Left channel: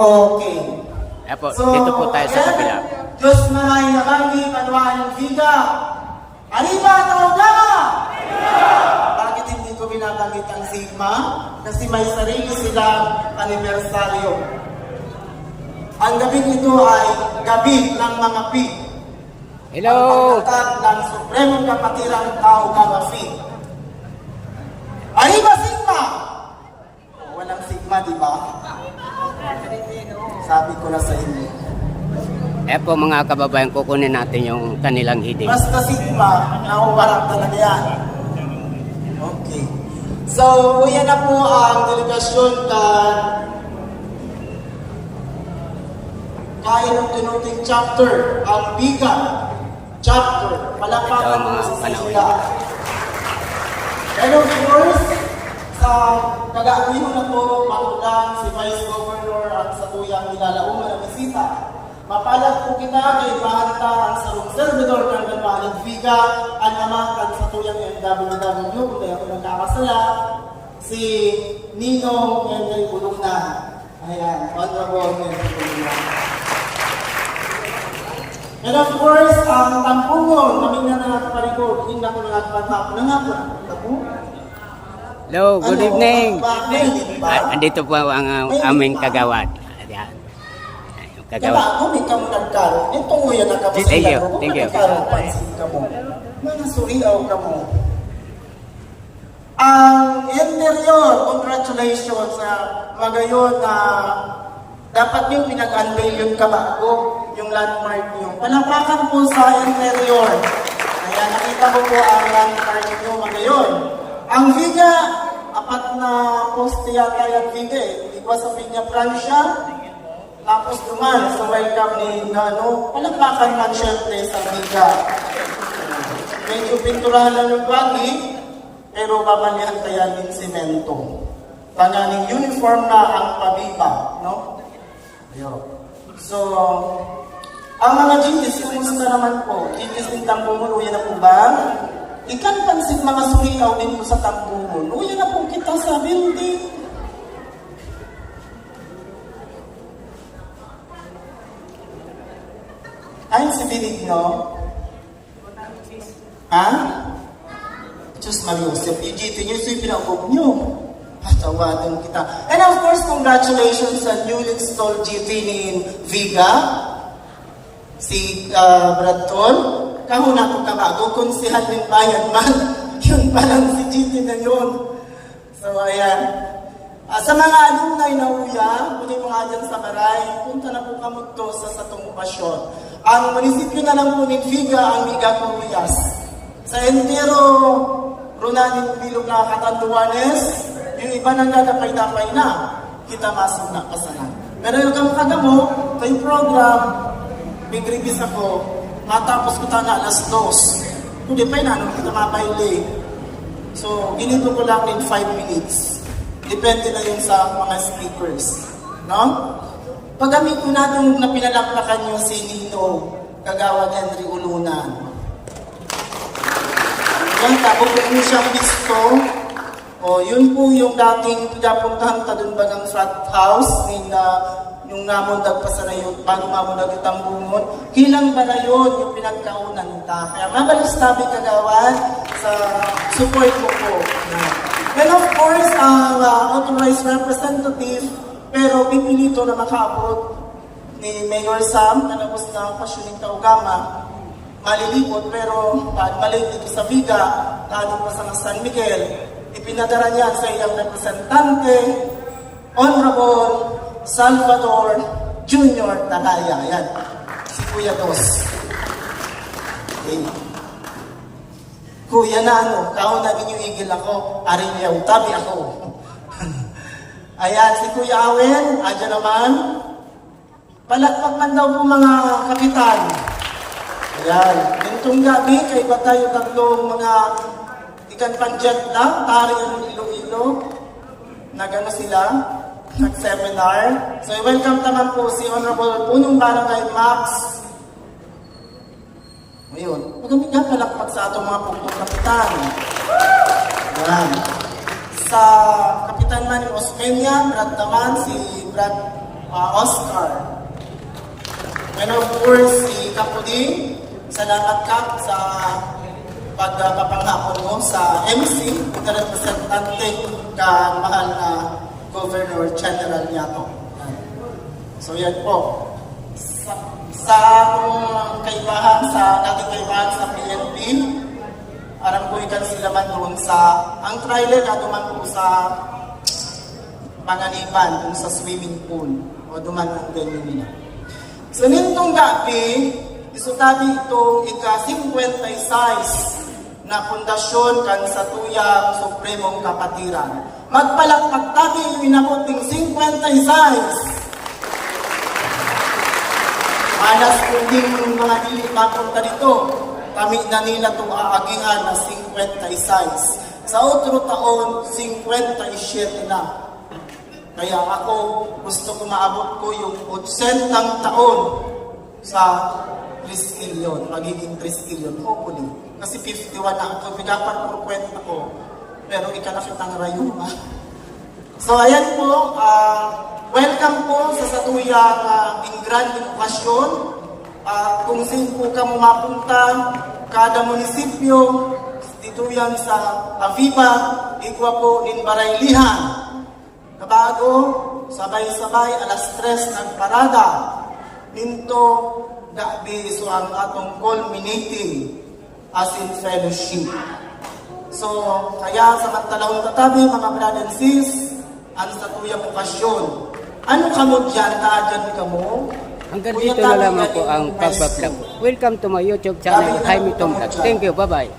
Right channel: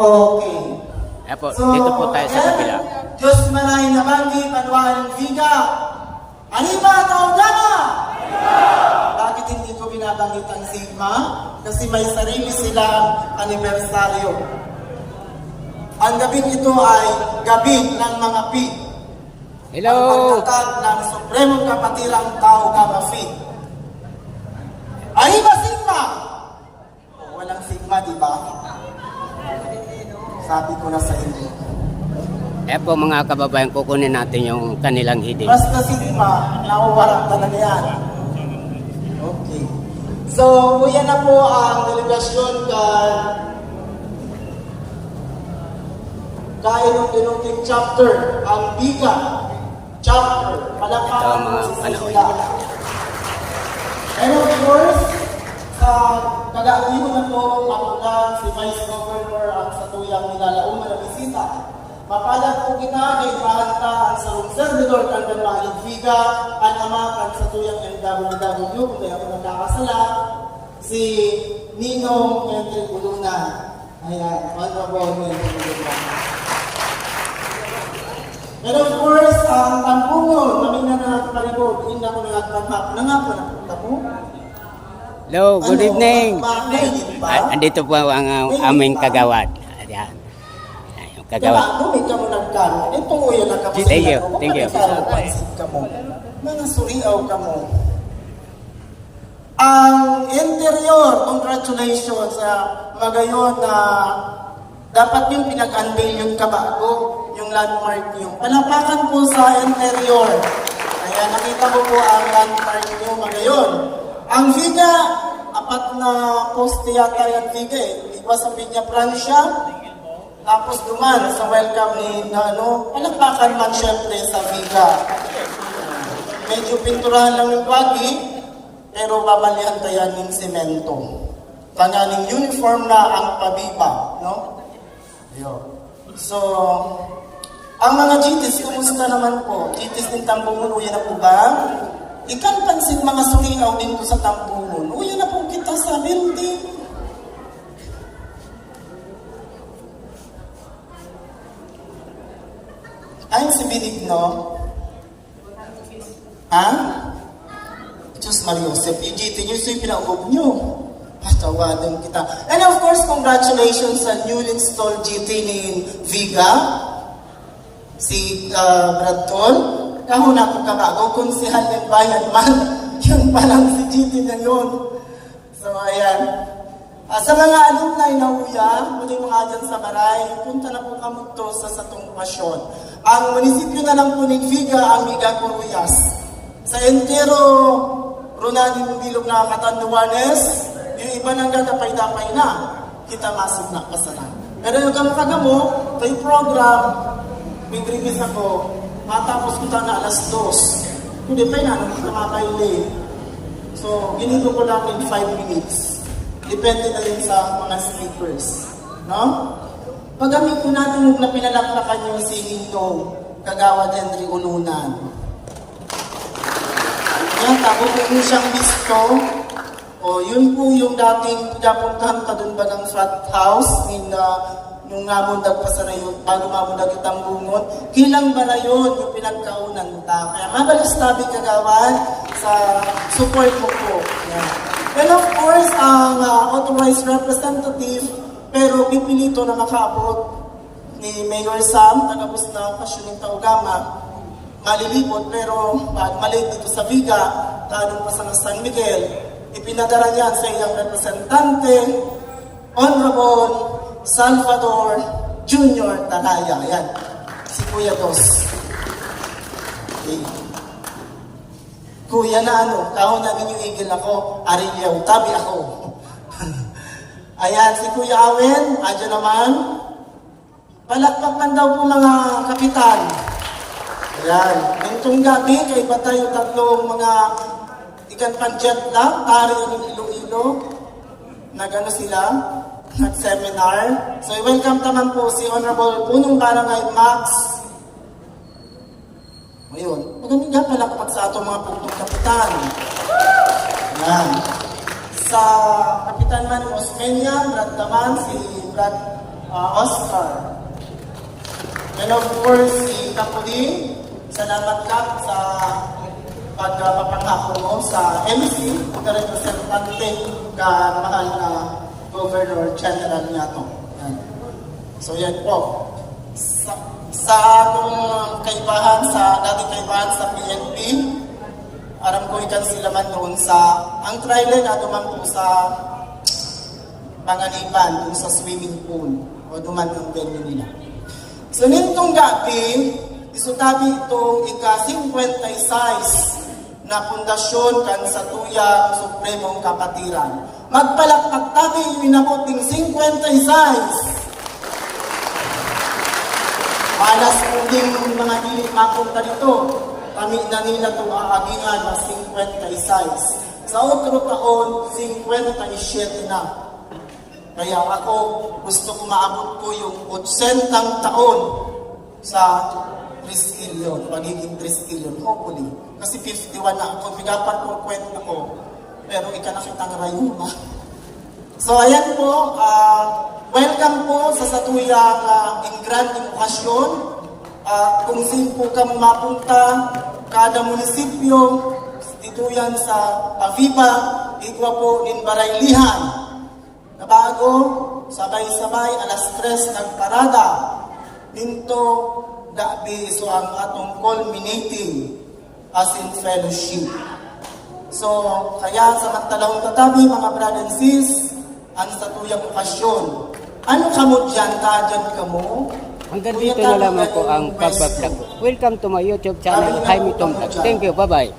Okay. Apo, dito po tayo sa kabila. Diyos maray na kami, panuhaan ng Viga. Arriba, Taugama! Bakit hindi ko binabanggit ang Sigma? Kasi may sarili silang anibersaryo. Ang gabing ito ay gabi ng mga P. Hello! Ang pagkakad ng Supremong Kapatirang Taugama P. Arriba, Sigma! Walang Sigma, di ba? Sabi ko na sa inyo. Po mga kababayan, kukunin natin yung kanilang hiding. Basta Sigma, nauwarang talaga yan. Okay. So, yan na po ang delegasyon Kairong Denoting Chapter, ang Biga Chapter. Palakpakan Ito ang mga po sa panahon sila. nila. And of course, sa kagawin na po, ako si Vice Governor at sa tuyang nilalaong na bisita. Mapalad po kita kay Bata ang salong servidor ng Banwaling Viga, ang amakan sa tuyang MWW, kung kaya ko nagkakasala, si Nino Henry Bulungnan. Ayan, honorable Henry Bulungnan. And of course, ang Tampungon, mamingga na natin parigod, hindi ako nangagpagpap na nga po. Hello, good evening. Bakit? Andito po ang aming kagawad. Ayan. Yung Kaya kagawad. ako, may kamu nagkaroon. Ito mo yan ang kapasilan. Thank you, thank you. Pansin ka mo. Mga suriaw ka mo. Ang interior, congratulations sa magayon na dapat yung pinag-unveil yung kabago, yung landmark nyo. Palapakan po sa interior. Kaya nakita mo po ang landmark nyo magayon. Ang Viga, apat na poste yata yung Viga eh. Iba sa Viga Francia, tapos duman, so welcome ni Nano. Palapakan man syempre sa Viga. Medyo pinturahan lang yung bagi, pero babalihan tayo ng semento. Tanganing uniform na ang pabiba, no? Ayun. So, ang mga GTs, kumusta naman po? GTs din Tampungon, uyan na po ba? Ikan pansin mga suriaw dito sa Tampungon. Uyan na po kita sa building. Ayun si Benigno. Ha? Diyos Mariosep, yung GT nyo, so yung pinaugob nyo. Patawadon kita. And of course, congratulations sa newly installed GT ni Viga. Si Bradton. Kahuna ko kabago, kung si Halin Bayan man, yun palang si GT na yun. So, ayan. Sa mga alumni na uya, muli mga dyan sa Baray, punta na po kami to sa Satong Pasyon. Ang munisipyo na lang po ni Viga, ang Viga Coruyas. Sa entero, Runadin Bilog na Katanduanes, yung iba nang dadapay-dapay na, kita masok na pasanan. Pero yung kamukagamo, kay program, may release ako, matapos ko na alas 2. Hindi pa na, kita makaili. So, ginito ko lang in 5 minutes. Depende na yun sa mga speakers. No? Pag-amin ko natin na pinalaklakan nyo si Nino, Kagawad Henry Ulunan. Yan, tapos po siyang listo. O, yun po yung dating pinapuntahan ka doon bagang frat house yung ngamundag pa sa rayon, bago mamundag itang bungot. Kilang ba na yun yung pinagkaunan ta? Kaya mabalis tabi Kagawad sa support mo po. Yan. And of course, ang authorized representative, pero pipilito na makaabot ni Mayor Sam, na nabos na Pasyoning Taugama, malilibot, pero maliit dito sa Viga, lalo pa sa San Miguel, ipinadala niya sa iyang representante, Honorable Salvador Jr. Talaya. Yan, si Kuya Dos. Okay. Kuya na kao na inyong igil ako, arinyaw, tabi ako. Ayan, si Kuya Awen, adyan naman. Palakpak man daw po mga kapitan. Ayan, nitong gabi, kay patay yung tatlong mga ikan panjet lang, tari yung Iloilo. Nagano sila, nag-seminar. So, welcome naman po si Honorable Punong Barangay Max. Ngayon, magamit nga palakpak sa atong mga punktong kapitan. Ayan. Sa kapitan Kapitan man yung Osmeña, Brad Taman, si Brad Oscar. And of course, si Kapuding, salamat Kap sa pagpapanghapon mo sa MC, na representante ka mahal na Governor General Niato. So yan po. Sa kaibahan, dating kaibahan sa PNP, parang buhikan sila man doon sa, ang trailer na duman po sa Panganiban, dun sa swimming pool, o duman ang venue nila. So nitong gabi, isutabi itong ika-56 na pundasyon kan sa tuyang Supremong Kapatiran. Magpalakpak tabi yung inabuting 56. Alas kundi mga dili mapunta dito, kami na nila itong aagingan na 56. Sa otro taon, 57 na. Kaya ako, gusto ko maabot ko yung 80 taon sa triskilyon, magiging triskilyon, hopefully. Kasi 51 na ako, bigapan ko kwenta ko, pero ikanakitang rayuma. So ayan po, welcome po sa satuyang grand okasyon. Kung sino po ka mapunta, kada munisipyo, dito yan sa Aviva, igwa po in Baraylihan. Nabago, sabay-sabay, alas 3 nagparada. Ninto, dabi so ang atong culminating as in fellowship. So, kaya sa matalahong tatabi, mga brad and sis, ang satuyang okasyon. Ano ka mo dyan, dyan ka mo? Hanggang dito na lamang po ang pagbablog ko. Welcome to my YouTube channel, Jaime Tom Vlog. Thank you, bye-bye.